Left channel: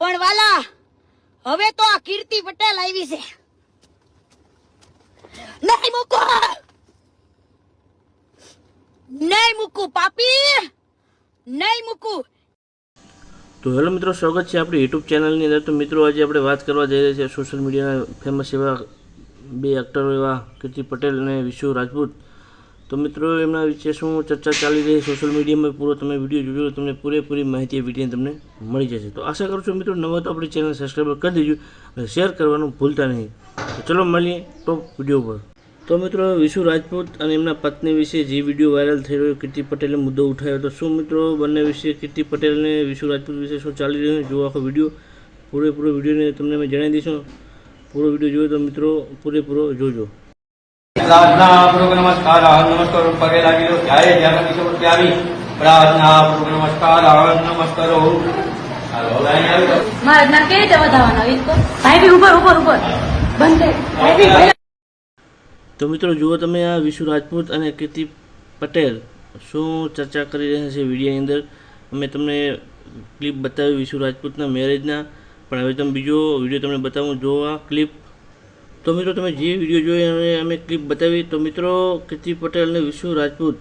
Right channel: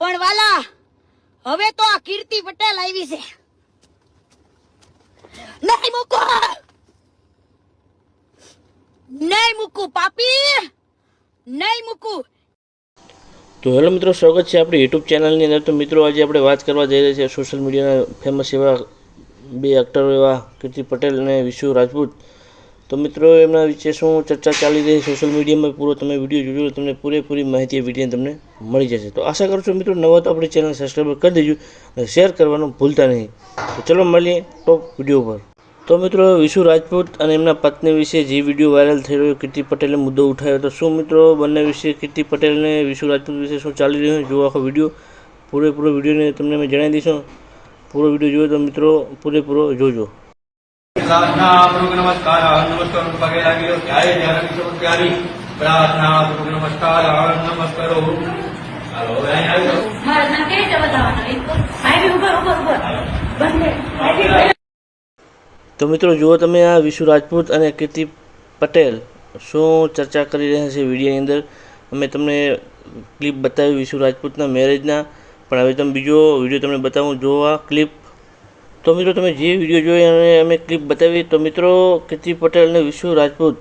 પણ વાલા હવે તો આ કીર્તિ પટેલ આવી છે. નહીં મૂકો, નહીં મૂકું પાપી, નહીં મૂકું. તો હેલો મિત્રો, સ્વાગત છે આપણી યુટ્યુબ ચેનલની અંદર. તો મિત્રો, આજે આપણે વાત કરવા જઈ રહ્યા છીએ સોશિયલ મીડિયાના ફેમસ એવા બે એક્ટરો એવા કીર્તિ પટેલ અને વિશુ રાજપૂત. તો મિત્રો, એમના વિશે શું ચર્ચા ચાલી રહી સોશિયલ મીડિયામાં, પૂરો તમે વિડીયો જોજો, તમને પૂરેપૂરી માહિતી વિડીયો તમને મળી જશે. તો આશા કરું છું મિત્રો, નવા તો આપણી ચેનલ સબસ્ક્રાઈબ કરી દેજો અને શેર કરવાનું ભૂલતા નહીં. તો ચલો મળીએ ટોપ વિડીયો પર. તો મિત્રો, વિશુ રાજપૂત અને એમના પત્ની વિશે જે વિડીયો વાયરલ થઈ રહ્યો, કીર્તિ પટેલે મુદ્દો ઉઠાવ્યો. તો શું મિત્રો, બંને વિશે કીર્તિ પટેલ અને વિશુ રાજપૂત વિશે શું ચાલી રહ્યું છે, જો આખો વિડીયો પૂરેપૂરો વિડીયોને તમને અમે જણાવી દઈશું. પૂરો વિડીયો જોયો તો મિત્રો પૂરેપૂરો જોજો. प्रार्थनापूर्वक नमस्कार नमस्कार पगे लागिलो जय जानकी समुद्रारी प्रार्थनापूर्वक नमस्कार नमस्कारो हेलो लाइन આવ્યો મારા ના કે જવા દાવ ભાઈ ઉપર ઉપર ઉપર તો મિત્રો, જુઓ તમે આ વિશુ રાજપૂત અને કીર્તિ પટેલ શું ચર્ચા કરી રહ્યા છે વિડીયોની અંદર. અમે તમને ક્લિપ બતાવી વિશુ રાજપૂતના મેરેજના, પણ હવે તમે બીજો વિડીયો તમને બતાવું. જો આ ક્લિપ, તો મિત્રો તમે જે વિડીયો જોઈ અને અમે ક્લિપ બતાવી, તો મિત્રો કીર્તિ પટેલ અને વિશુ રાજપૂત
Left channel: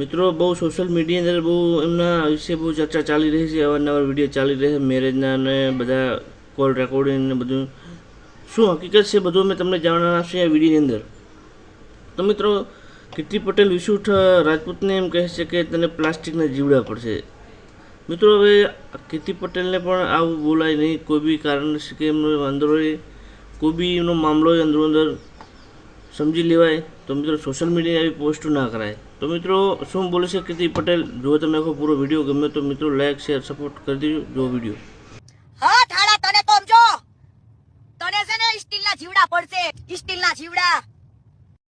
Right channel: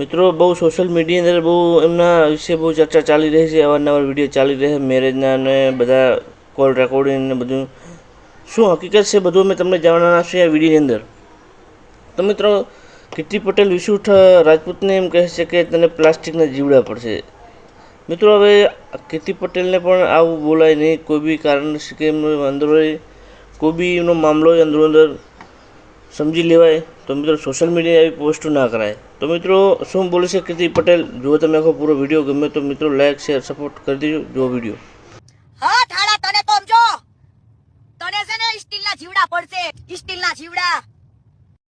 મિત્રો બહુ સોશિયલ મીડિયાની અંદર બહુ એમના વિશે બહુ ચર્ચા ચાલી રહી છે. અવારનવાર વિડીયો ચાલી રહે મેરેજના અને બધા કોલ રેકોર્ડિંગ ને બધું. શું હકીકત છે બધું અમે તમને જાણવાના છે આ વિડીયોની અંદર. તો મિત્રો, કીર્તિ પટેલ વિશુ રાજપૂતને એમ કહે છે કે તને પ્લાસ્ટિકના જીવડા પડશે. મિત્રો, હવે કીર્તિ પટેલને પણ આવું બોલાય નહીં, કોઈ બી કારણ છે કે એમનો અંદર કોઈ બી એનો મામલો અંદરો અંદર સમજી લેવાય. તો મિત્રો, સોશિયલ મીડિયા આવી પોસ્ટો ના કરાય. તો મિત્રો, શું બોલે છે કીર્તિ પટેલ, જો તમે આખો પૂરો વિડીયો ગમે તો મિત્રો લાઈક શેર સપોર્ટ કરી દેજો. જો વિડીયો હા થાળા તને તો સમજો, તને છે ને સ્ટીલના જીવડા પડશે, સ્ટીલના જીવડા.